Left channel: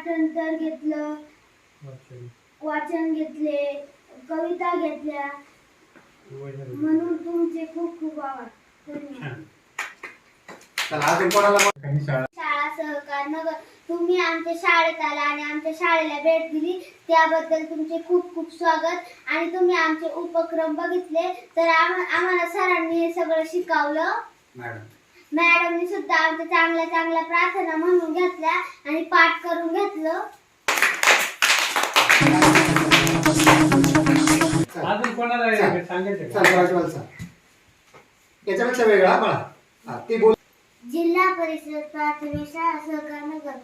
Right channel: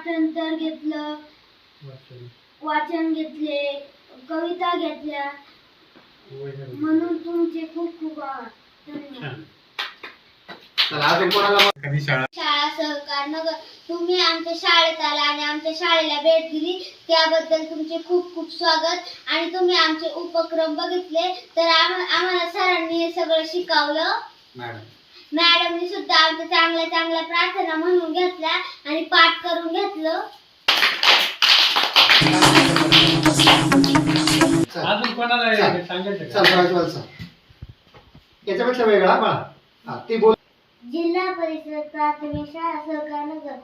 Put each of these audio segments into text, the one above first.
पाठांतर घेतलं, वाचन घेतले, कविता घेतल्या, म्हणून तुमचे खूप खूप आभार. धन्यवाद. शाळा सहकार नगर, तुम्ही आमच्या शाळेत आला आणि आमच्या शाळेला भेट दिली त्याबद्दल तुमचे खूप खूप स्वागत. आणि तुम्ही आमचे उपक्रम बघितले तर आम्हाला सरांनी हे सगळं शिकवलं. मॅडमनी सुद्धा आमच्या चांगल्या चांगल्या प्रार्थना म्हणून घेतल्या आणि पाठ करून घेतलं. अजून कोणाला सांगायचं याच्यापेक्षा वेगळा बाळा ते बोल. जिल्हा परिषद प्राथमिक शाळा सहकार नगर,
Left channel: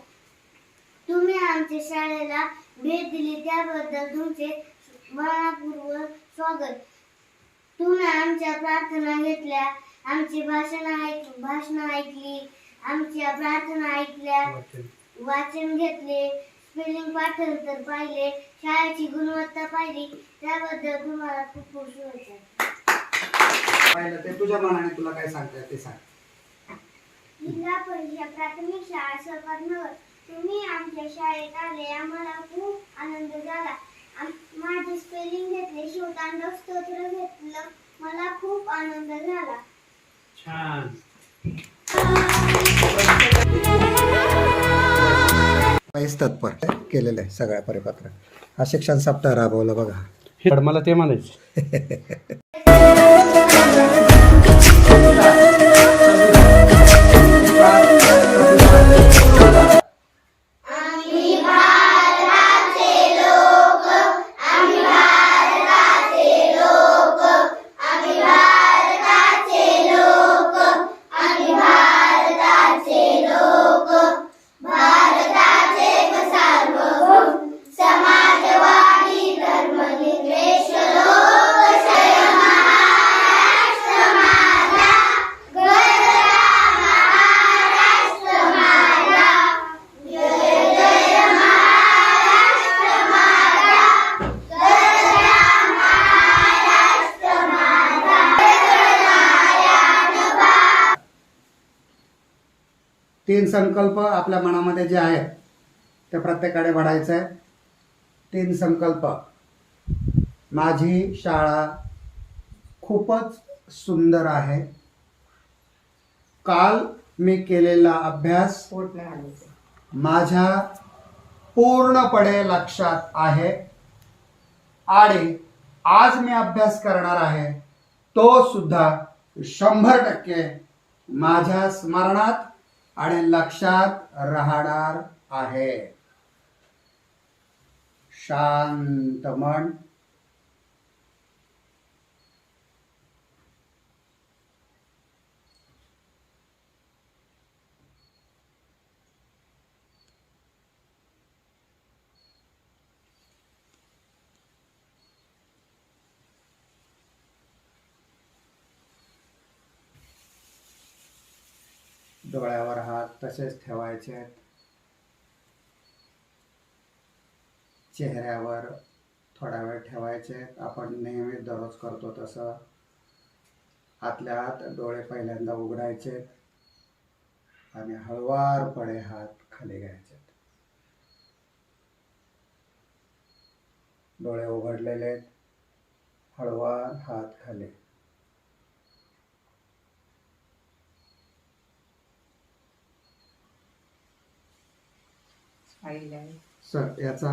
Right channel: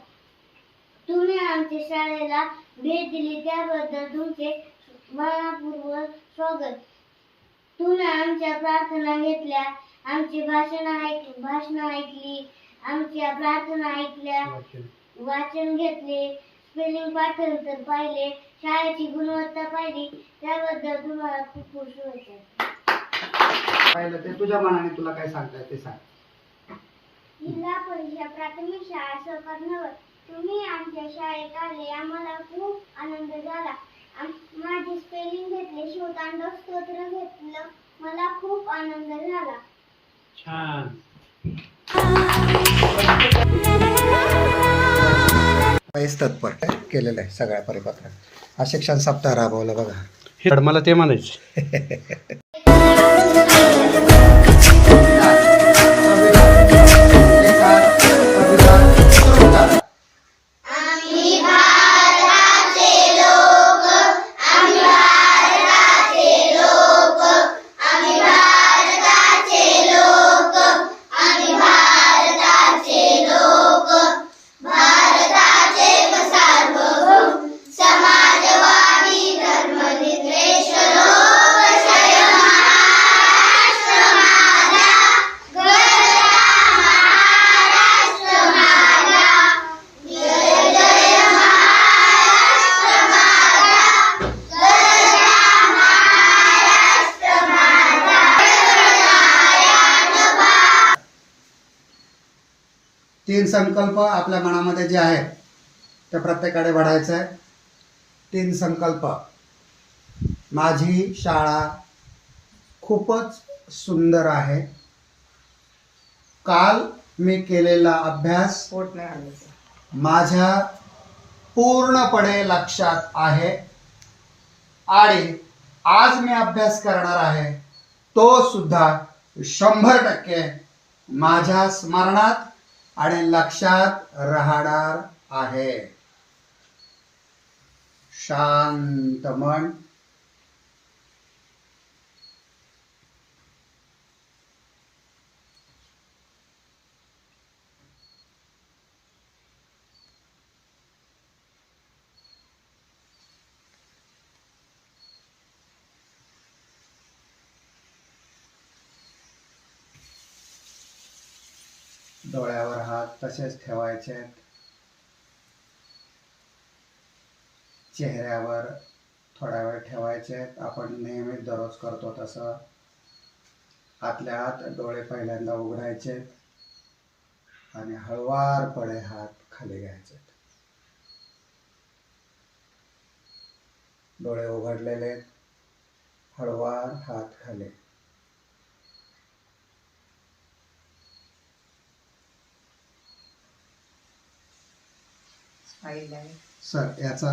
तुम्ही आमच्या शाळेला भेट दिली त्याबद्दल तुमचे मनपूर्वक स्वागत. तुम्ही आमच्या प्रार्थना घेतल्या, आमची भाषण ऐकली, आमच्या प्रार्थना ऐकल्या, वाचन घेतले, स्पेलिंग पाठांतर पाहिले, शाळेची गुणवत्ता पाहिली त्याबद्दल तुम्हाला खूप खूप शुभेच्छा. पाहिलं ते तुझ्या मनाने तुला काय सांगताय ते सांग. जिल्हा परिषद प्राथमिक शाळा सहकार नगर, तुम्ही आमच्या शाळेत आले आम्हाला खूप आनंद झाला. माझे स्पेलिंग घेतले, शिवतांडव स्तोत्र घेतलं, मला खूप आनंद झाला. छान. तत्पर केलेलं आहे सगळ्या परिपत्र. हा शिक्षण सप्ताह राबवला बघा. हे मला ते म्हणायचे. तीन संकल्प आपल्या मनामध्ये जे आहेत ते प्रत्येकाकडे वाढायचे आहे. तीन संकल्प. माझी शाळा खूपच सुंदर आहे. काल मी केलेला अभ्यास माझ्या पूर्णपणे लक्षात आहे आणि आज मी अभ्यास करणार आहे तो सुद्धा 100% माझ्या स्मरणात आणि लक्षात राहणार आहे. शांत मन. डोळ्यावर हात तसेच ठेवायचे. चेहऱ्यावर थोडा वेळ ठेवायचे. आपण नेहमी दररोज करतो तसं. आतल्या आत डोळे पहिल्यांदा उघडायचे आणि हळुवारपणे हात खाली घ्यायचे. डोळे उघडलेले, हळुवार हात खाली. सर याचा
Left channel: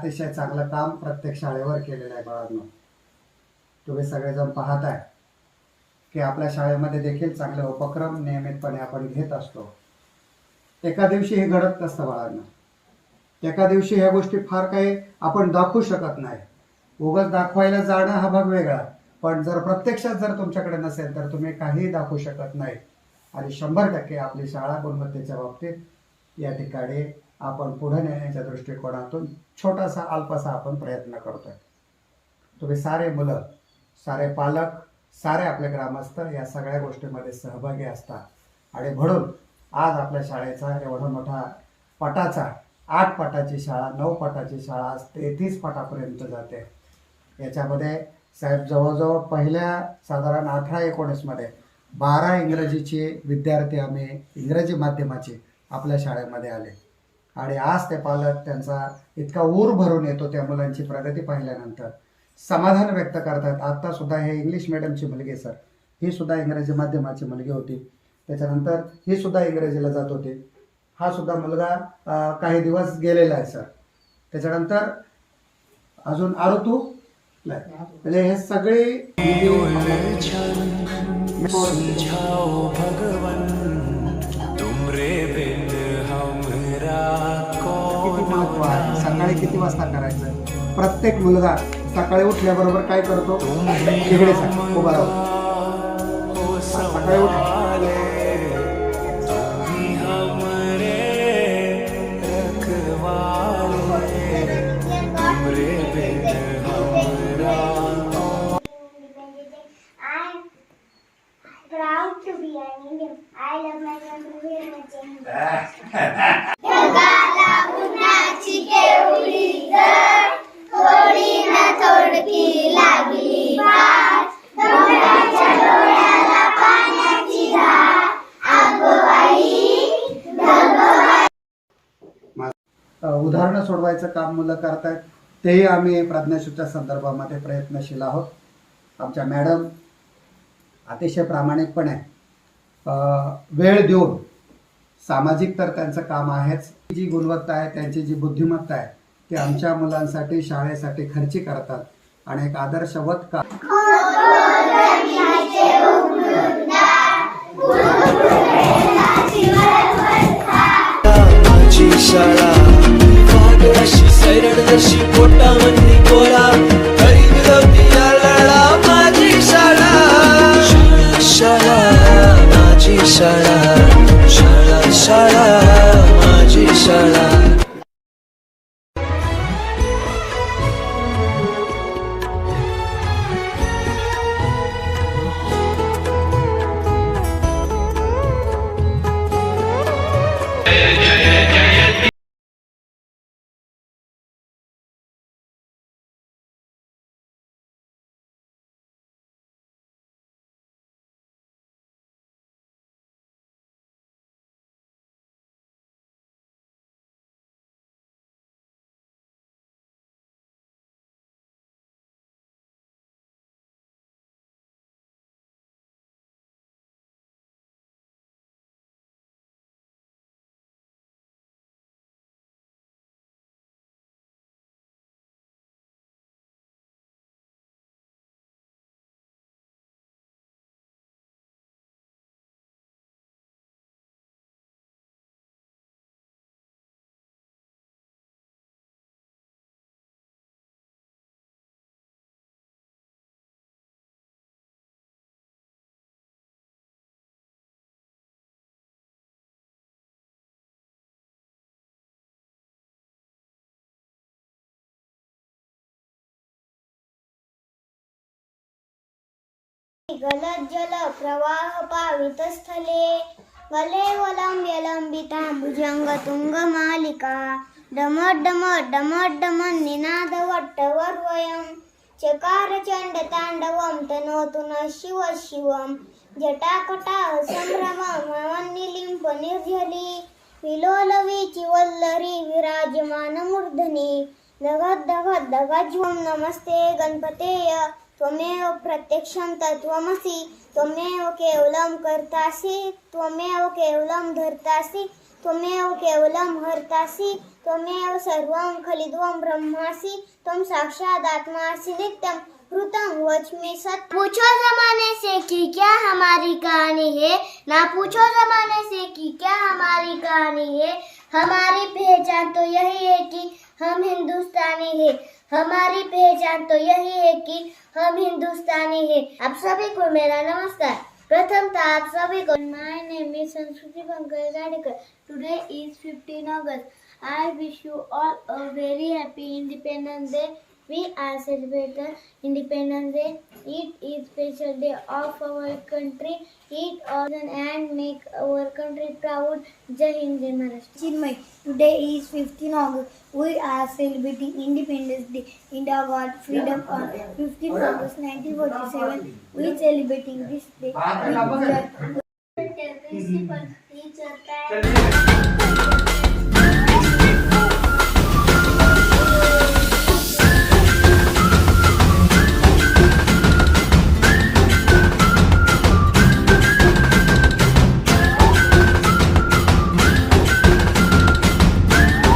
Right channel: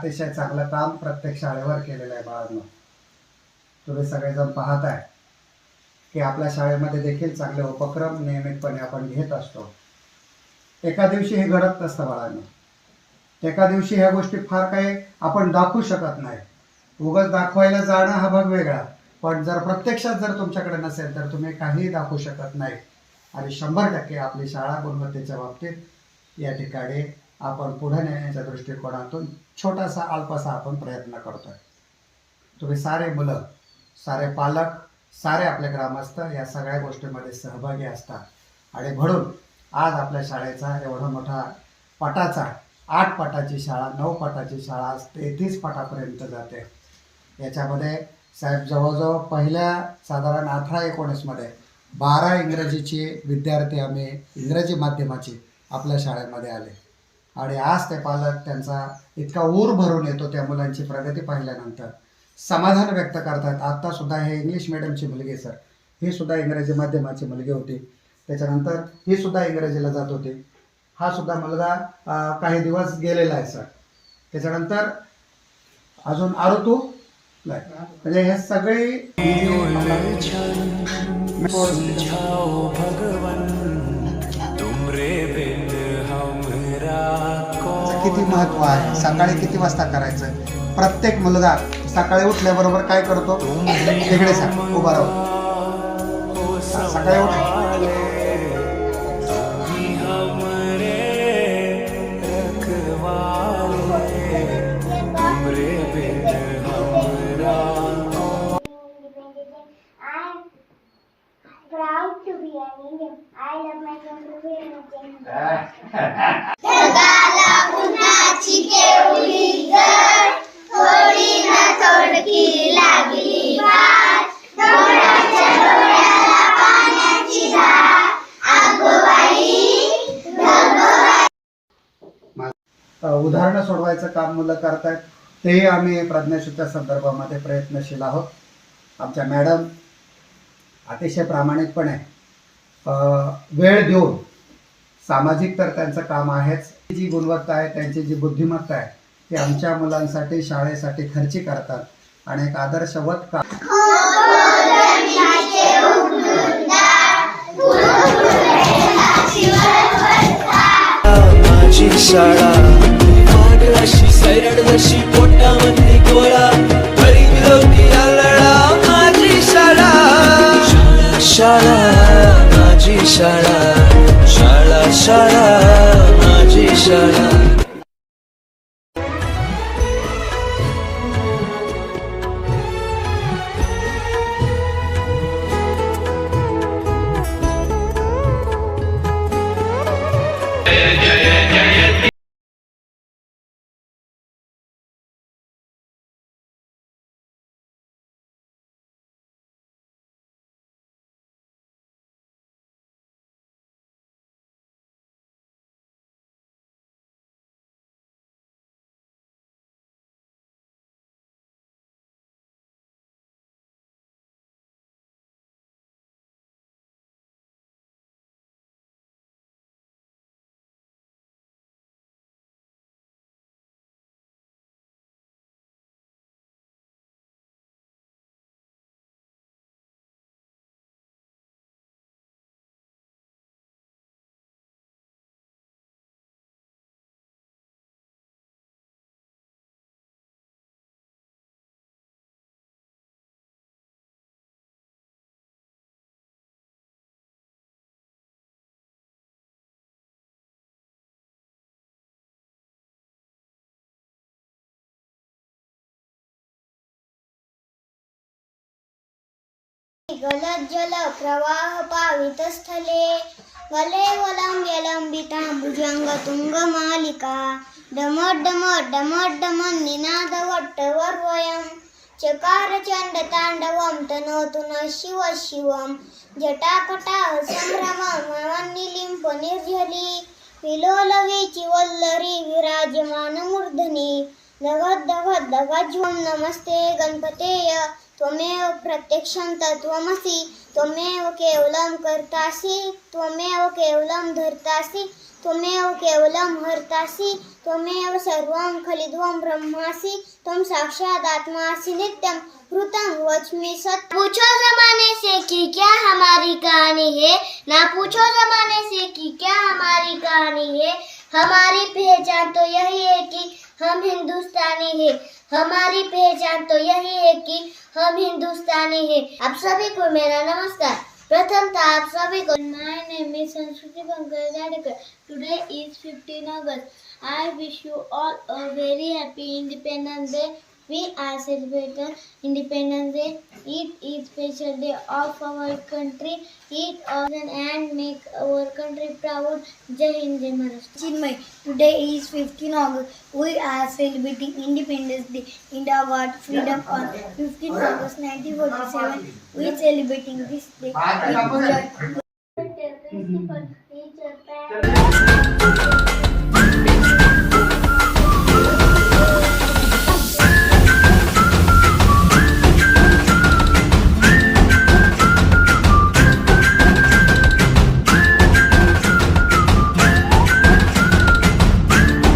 अतिशय चांगलं काम प्रत्येक शाळेवर केलेलं आहे बाळांनो. तुम्ही सगळेजण पाहत आहे की आपल्या शाळेमध्ये देखील चांगले उपक्रम नियमितपणे आपण घेत असतो. एका दिवशी हे घडत नसतं बाळांनो. एका दिवशी ह्या गोष्टी फार काही आपण दाखवू शकत नाही. उगाच दाखवायला जाणं हा भाग वेगळा, पण जर प्रत्यक्षात जर तुमच्याकडे नसेल तर तुम्ही काहीही दाखवू शकत नाही. आणि 100% आपली शाळा गुणवत्तेच्या बाबतीत या ठिकाणी आपण पुढे नेण्याच्या दृष्टिकोनातून छोटासा अल्पसा आपण प्रयत्न करतोय. तुम्ही सारे मुलं, सारे पालक, सारे आपले ग्रामस्थ या सगळ्या गोष्टीमध्ये सहभागी असतात. आणि म्हणून आज आपल्या शाळेचा एवढा मोठा पटाचा 8 पटाची शाळा, 9 पटाची शाळा, 33 पटापर्यंत जाते. याच्यामध्ये साहेब जवळजवळ पहिल्या साधारण 18-19 मध्ये 12 इंग्रजीचे विद्यार्थी आम्ही इंग्रजी माध्यमाचे आपल्या शाळेमध्ये आले. आणि आज ते पालक त्यांचा इतका ऊर भरून येतो त्या मुलांची प्रगती पाहिल्यानंतर, समाधान व्यक्त करतात. आत्ता सुद्धा हे इंग्लिश मिडियमची मुलगी सर, ही सुद्धा इंग्रजी माध्यमाची मुलगी होती. त्याच्यानंतर ही सुद्धा इंग्रजीला जात होती. हा सुद्धा मुलगा काही दिवस गेलेला आहे सर. त्याच्यानंतर अजून आरोतू म्हणजे हे सगळे किती महत्व आहे. सकाळी किती वाजता करायचं. प्रत्येक मुलगा सकाळी उठल्याबरोबर काय करतो, तिकडे उभा राहतो. सकाळी proud to be an Indian. I love my country very much. ढगाला उन्हाची केवढी झळ, थोडी ना थोडकी लागली वाट, डोंगराच्या डोळ्याला पाण्याची धार, आगोबाई ढगबाई. उदाहरणं सोडवायचं काम मुलं करतायत. तेही आम्ही प्रज्ञाशूच्या संदर्भामध्ये प्रयत्नशील आहोत. आमच्या मॅडम अतिशय प्रामाणिकपणे वेळ देऊन, सामाजिक तर त्यांचं काम आहेच, जी गुणवत्ता आहे, त्यांची जी बुद्धिमत्ता आहे ती आमच्या मुलांसाठी, शाळेसाठी खर्ची करतात. आणि एक आदर्शवत काम माझी शाळा वाघ अशी सैरड जशी पोटामधली गोळा, गरीब लोकी लळा माझी शाळा. शाळा माझी शाळा, शाळा शाळा माझी शाळा. गलत जल प्रवाह पावित स्थले, गले वलंब्य लंबिता भुजंग तुंग मालिका, डमट डमट डमट डमन निनाद वट्टवर्वयम्, चकार चंड तांडवम तनोतु न शिव शिवम, जटाकटाह संभ्रमं निलिंप निर्झली, विलोलवीची वल्लरी विराजमान मूर्धनी, दगद दगद दगज्वम. नमस्ते गणपतेय त्वमेव प्रत्यक्षं तत्त्वमसि त्वमेव केवलं कर्तासि त्वमेव केवलं धर्तासि त्वमेव केवलं हर्तासि त्वमेव सर्वं खलिद्वं ब्रह्मासि त्वं साक्षादात्मासि नित्यं कृतं वच्मि सत्य। पूछो जमाने से कि क्या हमारी कहानी है, ना पूछो जमाने से कि क्या हमारी कहानी है। हमारी पहचान तो यही है कि हम हिंदुस्तानी है। हमारी पहचान तो यही है कि हम हिंदुस्तानी है। आप सभी को मेरा नमस्कार। प्रथमतः आप सभी को माय name is Sanskriti Pankaj Jadekar. Today is 15 August. I wish you all a very happy Independence Day. We are celebrating Independence Day. It is special day of our country. It often and make our country proud. Jai Hind, Jai Maharashtra. Chinmay, today is 15 August. We are celebrating Independence Day. India got freedom on 15 August 1947. We are celebrating this day with joy. Principal, teacher, parents.